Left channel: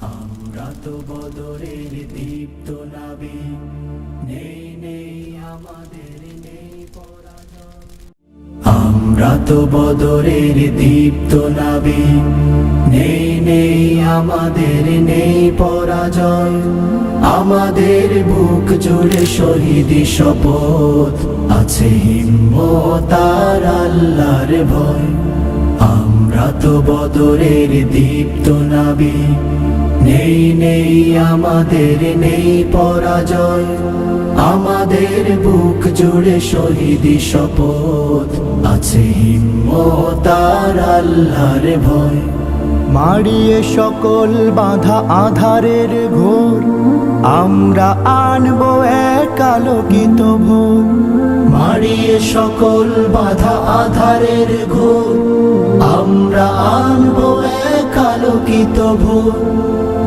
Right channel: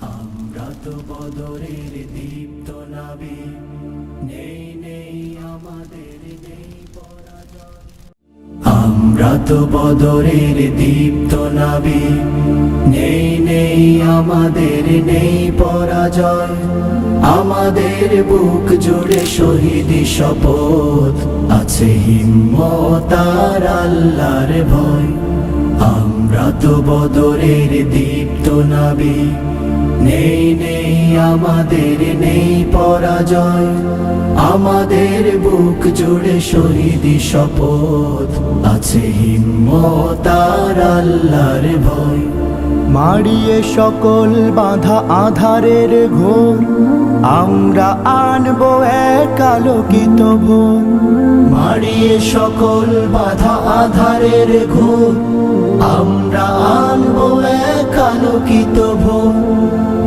আমরা তো বদরের দীপ্ত নাবিক, নেই নেই আমাদের নেই পরাজয়। আমরা তো বদরের দীপ্ত নাবিক, নেই নেই আমাদের নেই পরাজয়। আমাদের বুক জুড়ে শহীদি শপথ, আছে হিম্মত আর আল্লাহর ভয়। আমরা তো বদরের দীপ্ত নাবিক, নেই নেই আমাদের নেই পরাজয়। আমাদের বুক জুড়ে শহীদি শপথ, আছে হিম্মত আর আল্লাহর ভয়। মারিয়ে সকল বাঁধা আধারের ঘোর, আমরা আনবো এক আলোকিত ভোর। মারিয়ে সকল বাধা আধারের ঘোর, আমরা আনবো এক আলোকিত ভোর।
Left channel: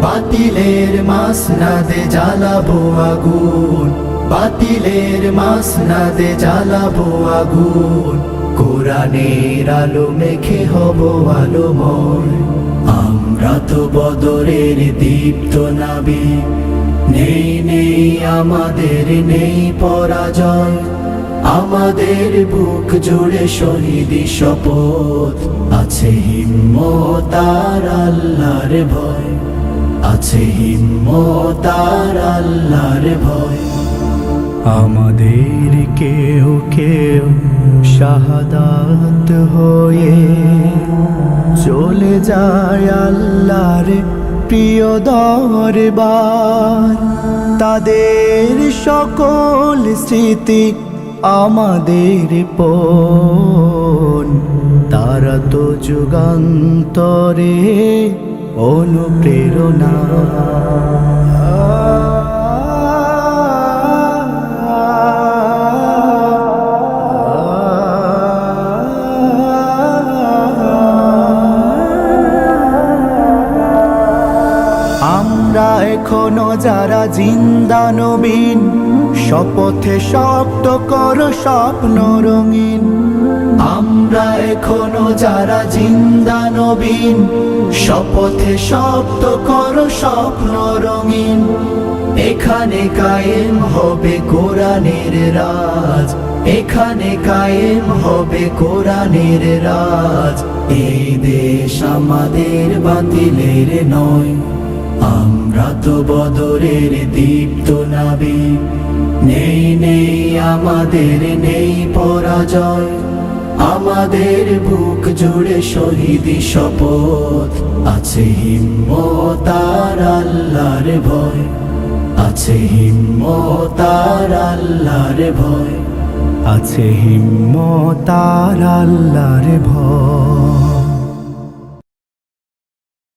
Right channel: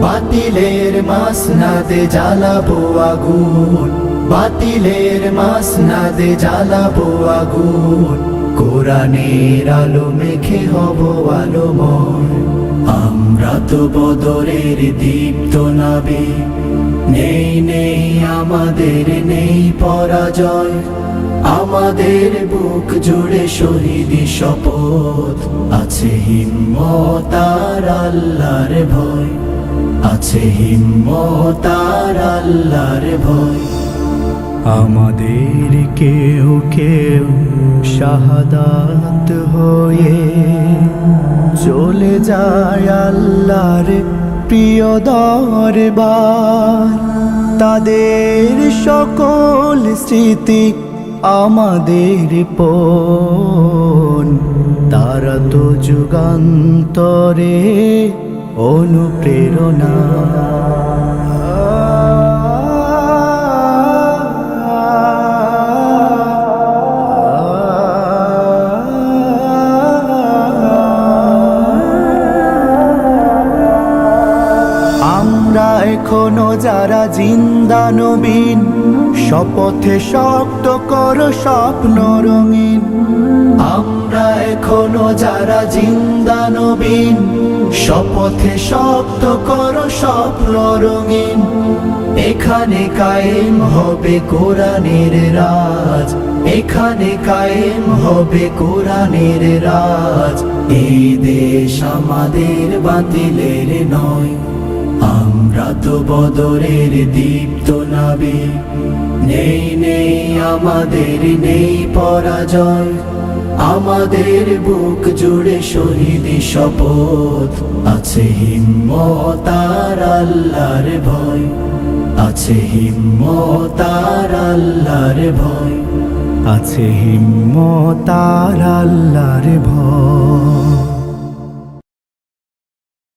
বাতিলের মাসনাদে জ্বালাবো আগুন, বাতিলের মাসনাদে জ্বালাবো আগুন। কোরআনের আলো মেখে হব আলোময়। আমরা তো বদরের দীপ্ত নাবিক, নেই নেই আমাদের নেই পরাজয়। আমাদের বুক জুড়ে শহীদি শপথ, আছে হিম্মত আর আল্লাহর ভয়। আছে হিম্মত আর আল্লাহর ভয়। আমাদের কেউ কেউ শাহাদাত হয়ে চলে যায় আল্লাহর প্রিয় দরবার। তাদের সকল স্মৃতি আমাদের পণ, তারা তো যুগান্তরে অনুপ্রেরণা। আমরা এখনো যারা জিন্দা নবীন, শপথে শক্ত করো স্বপ্ন রঙিন। আমরা এখনো যারা জিন্দা নবীন, শপথে শক্ত করো স্বপ্ন রঙিন। এখানে কায়েম হবে কোরআনের রাজ, এখানে কায়েম হবে কোরআনের রাজ। এই দেশ আমাদের বাতিলের নয়। আমরা তো বদরের দীপ্ত নাবিক, নেই নেই আমাদের নেই পরাজয়। আমাদের বুক জুড়ে শহীদি শপথ, আছে হিম্মত আর আল্লাহর ভয়। আছে হিম্মত আর আল্লাহর ভয়। আছে হিম্মত আর আল্লাহর ভয়।